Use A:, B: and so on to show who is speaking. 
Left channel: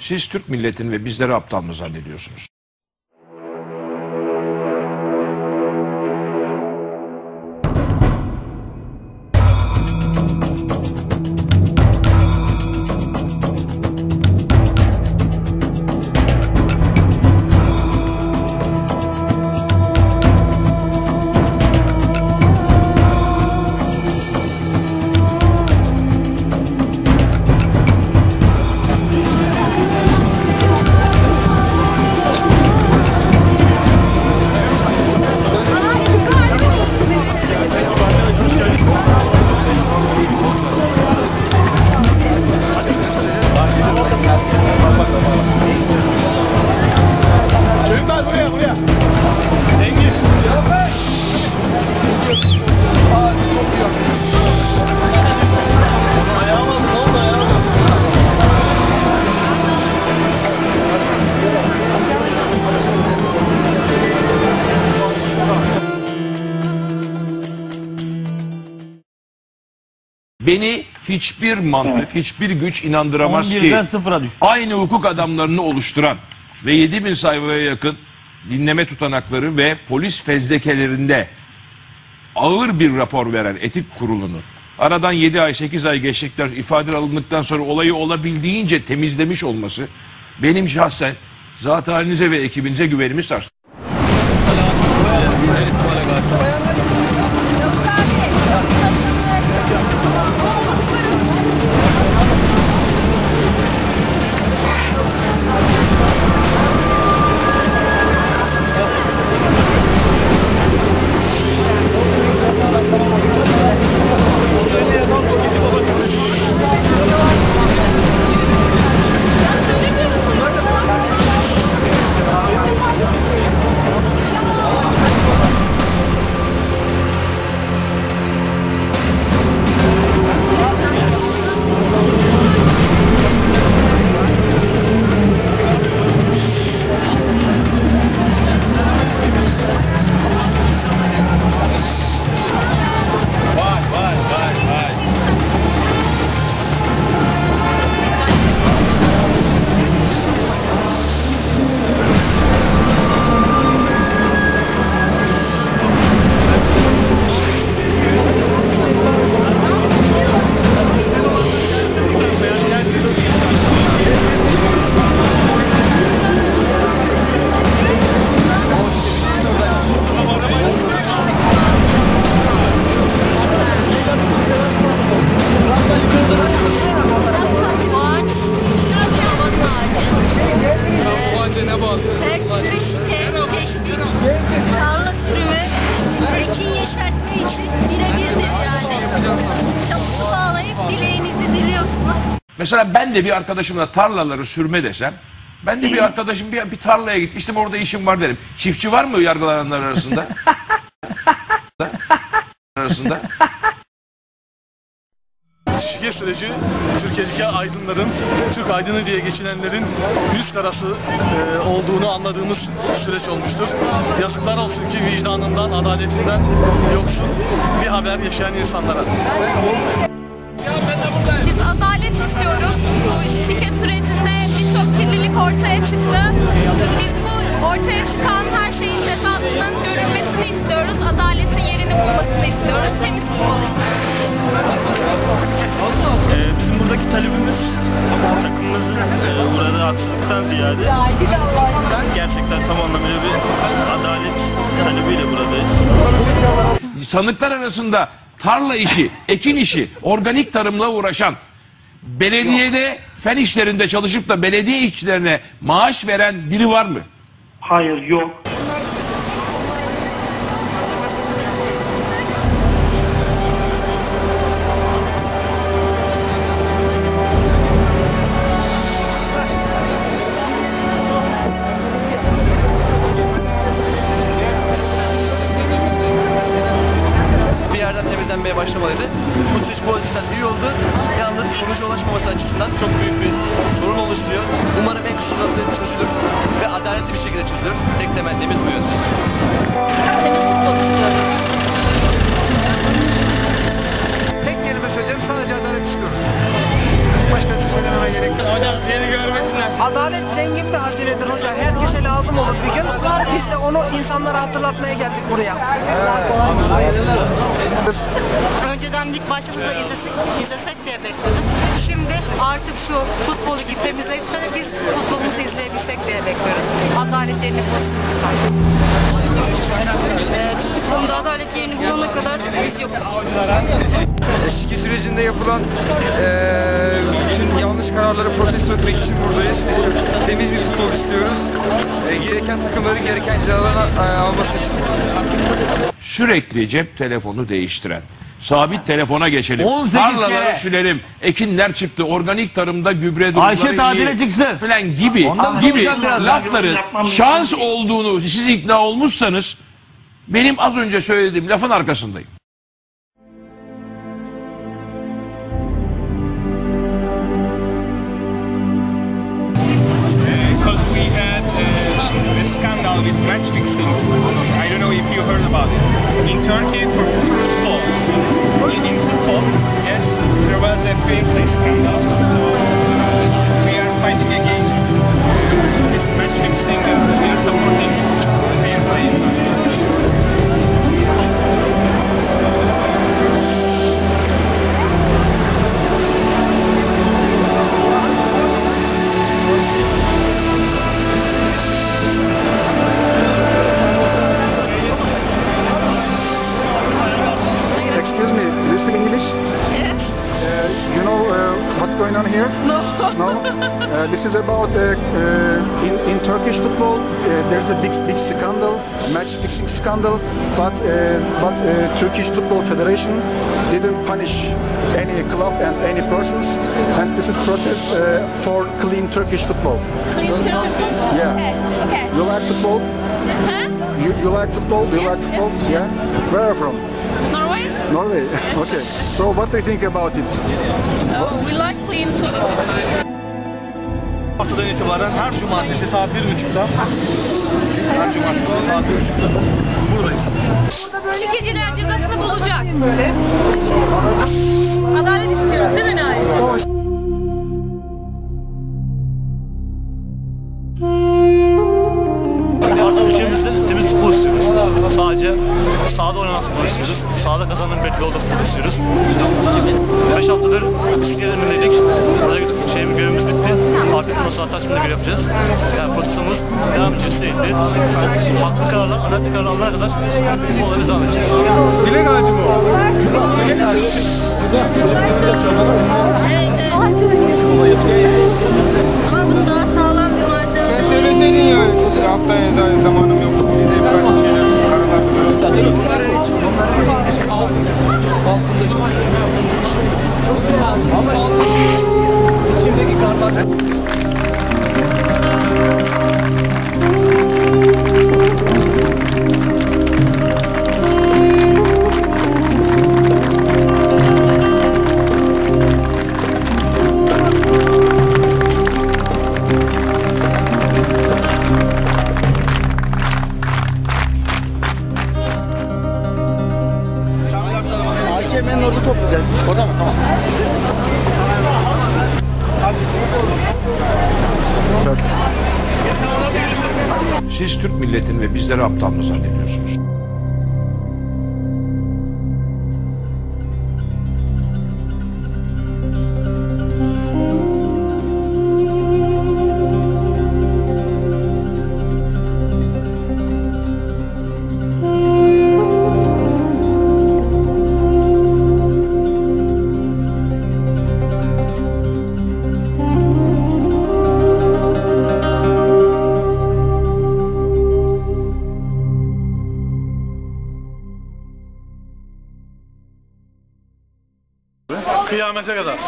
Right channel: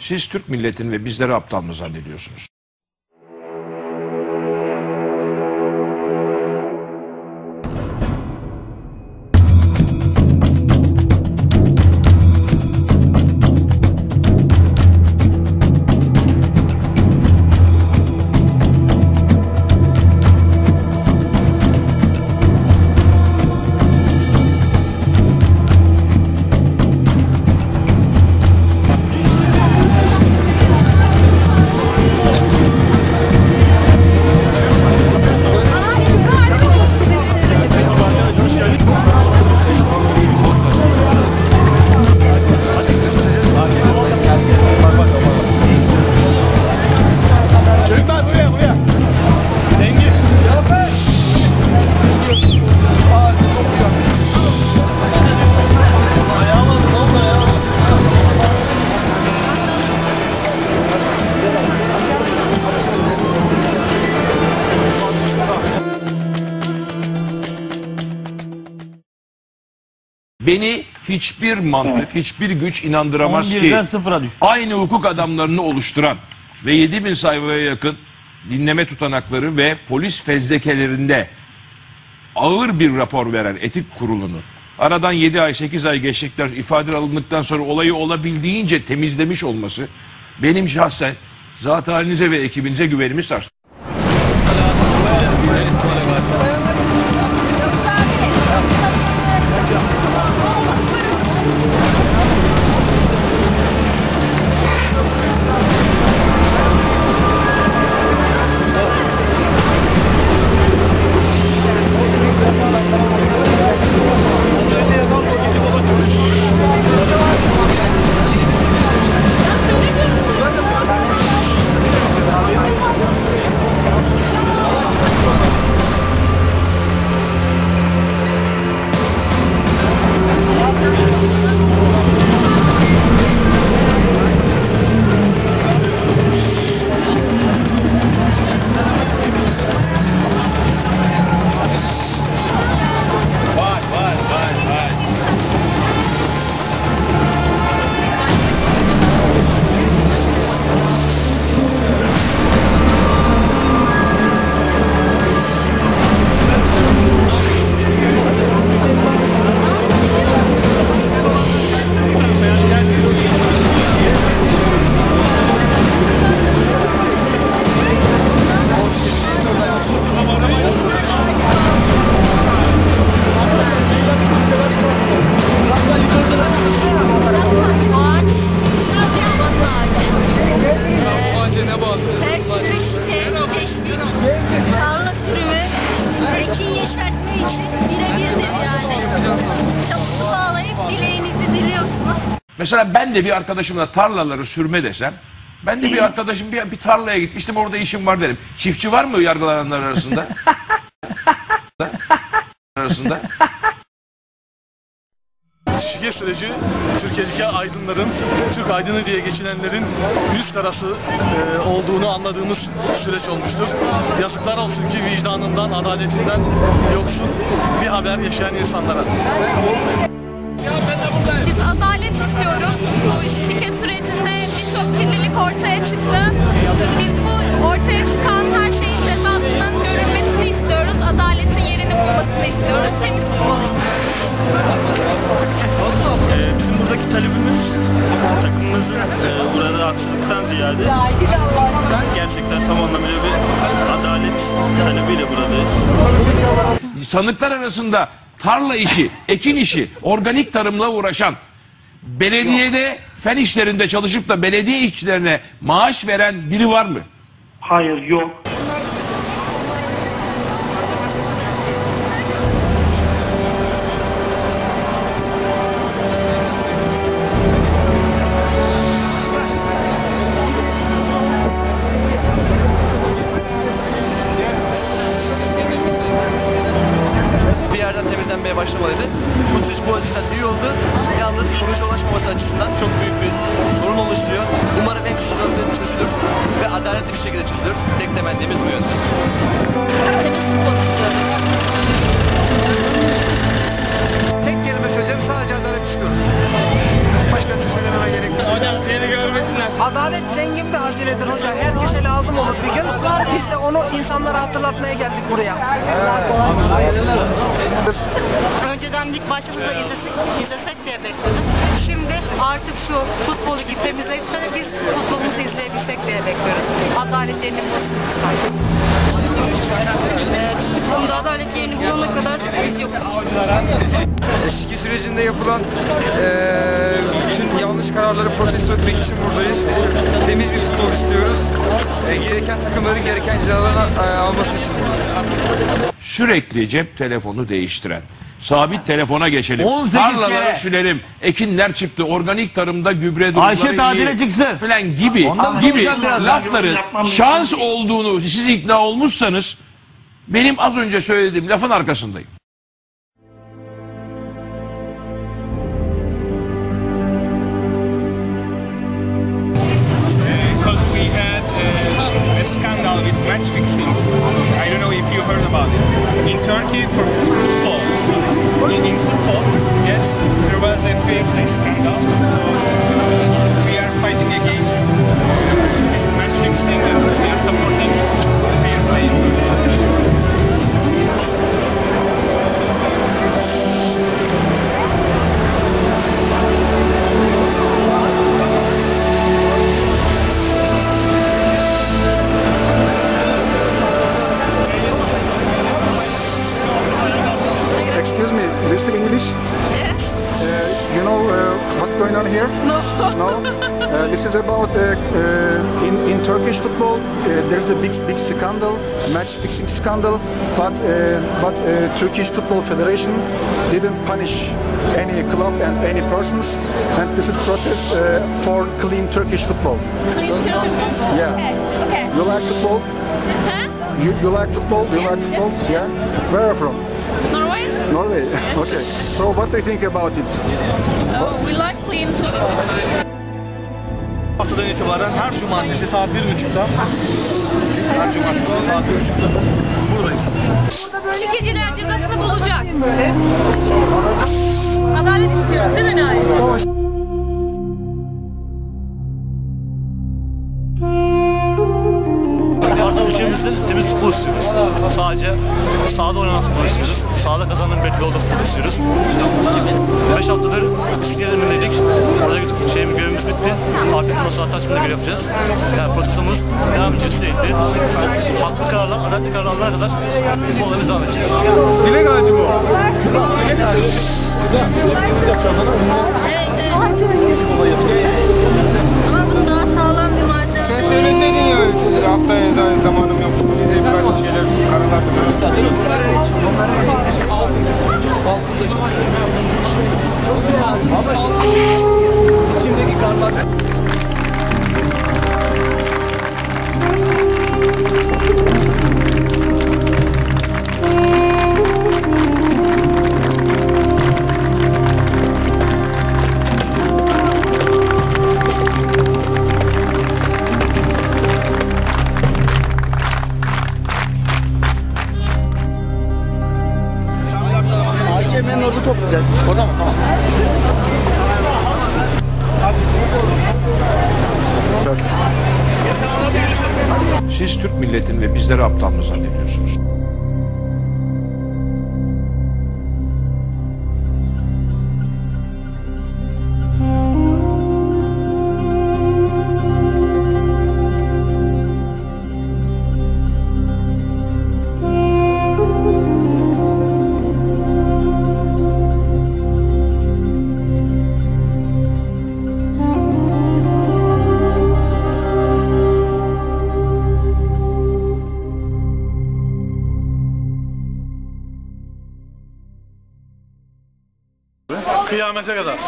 A: Siz Türk milletini ve bizleri aptal mı zannediyorsunuz? Beni hiçbir mantık, hiçbir güç inandıramaz ki
B: 11'den 0'a düştü.
A: aynı hukuk adamlarını oluşturan ve 7000 sayfaya yakın dinleme tutanakları ve polis fezlekelerinde ağır bir rapor veren etik kurulunu aradan 7 ay 8 ay geçtikten ifade alındıktan sonra olayı olabildiğince temizlemiş olması benim şahsen zat halinize ve ekibinize güvenimi sarstı. Mesela ben de bir arkadaşımla tarlaları sürme desem ben de bir arkadaşım bir, bir tarlaya gitmiştim orada işim var derim. Çiftçi var mı yargılananlar arasında? arasında.
C: Şike süreci Türkiye'deki aydınların, Türk aydını diye geçinenlerin yüz karası e, olduğunu anladığımız süreç olmuştur. Yazıklar olsun ki vicdanından, adaletinden yoksun bir haber yaşayan insanlara.
D: Biz adalet istiyoruz. Bu şike sürecinde birçok kirlilik ortaya çıktı. Biz bu ortaya çıkan her şeyin cezasının görülmesini istiyoruz. Adaletin yerini bulmasını istiyoruz. Temiz futbol
E: Ee, bizim buradaki talebimiz takımımızın e, uğradığı haksızlıktan ziyade gerçekten tam anlamıyla bir adalet talebiyle buradayız.
A: Sanıklar arasında tarla işi, ekin işi, organik tarımla uğraşan, belediyede fen işlerinde çalışıp da belediye işçilerine maaş veren biri var mı?
F: Hayır yok.
G: Bir yerden temizlenmeye başlamalıydı. Bu süreç bu açıdan iyi oldu. Yalnız sonuca ulaşmaması açısından çok büyük bir sorun oluşturuyor. Umarım en kısa sürede çözülür ve adaletli bir şekilde çözülür. Tek temennimiz bu yönde.
D: Temiz futbol istiyoruz.
H: beni görmesinler. Adalet zengin bir hazinedir hoca. Herkese lazım
G: olur bir gün.
H: Biz de
B: onu insanlara hatırlatmaya geldik buraya.
F: Önceden lig başımıza izlesek, izlesek diye bekledik. Şimdi artık şu futbolu gitmemize etse de biz futbolumuzu izleyebilsek diye bekliyoruz. Adalet yerini bulsun.
D: Ee, toplumda adalet yerini bulana kadar biz yokuz.
H: Eski sürecinde yapılan ee, yanlış kararları protesto etmek için buradayız. Temiz bir futbol istiyoruz. E, gereken takımların gereken cezalarını e, alması için buradayız.
A: Sürekli cep telefonu değiştiren. Sabit telefona geçelim.
I: 18
A: Tarlaları
I: kere.
A: sürelim. Ekinler çıktı. Organik tarımda gübre durumları
I: Ayşe tatile
A: iyi
I: çıksın.
A: Falan gibi
I: Ondan
A: gibi lafların şans olduğunu siz ikna olmuşsanız benim az önce söylediğim lafın arkasındayım.
J: With match fixing. I don't know if you heard about it. In Turkey, for football, in, in football, yes, there was a play scandal. So
K: on here?
D: No.
K: No. Uh, this is about uh, uh, in in Turkish football. Uh, there's a big big scandal, match fixing scandal, but uh, but uh, Turkish Football Federation didn't punish any club and any persons, and this is protest uh, for clean Turkish football.
D: Clean Turkish football?
K: Yeah.
D: Okay. Okay.
K: You like football?
D: Huh?
K: You, you like football? You
D: Yes,
K: like football?
D: yes,
K: Yeah. Where are you from?
D: Norway?
K: Norway. okay. So what do you think about it?
D: Oh, we like clean football.
C: haftadan itibaren her cumartesi saat 1.30'da her cumartesi saat 1.30'da buradayız.
D: Şikeciler cezasını bulacak. Adalet istiyoruz değil mi Nail?
C: Artık ülkemizde temiz futbol istiyoruz. Sadece sahada oynanan futbol istiyoruz. Sahada kazanan belli futbol istiyoruz. 5 haftadır bisiklet önündeydik. Oradaki şeyimiz görevimiz bitti. Afiyet olsun hatta şimdi görev yapacağız. Yani protestomuz devam sürekli. Haklı kararlar, adaletli kararlar alana kadar bu olayımız devam edecek.
J: Dilek ağacı mı?
D: Evet, evet. Ama bunu daha sağlam bir malzeme.
J: Söyleseydin ya
K: AKM'nin orada toplayacağız.
C: Orada mı? Tamam.
A: Siz Türk milletini ve bizleri aptal mı zannediyorsunuz?
C: Kıyamete kadar.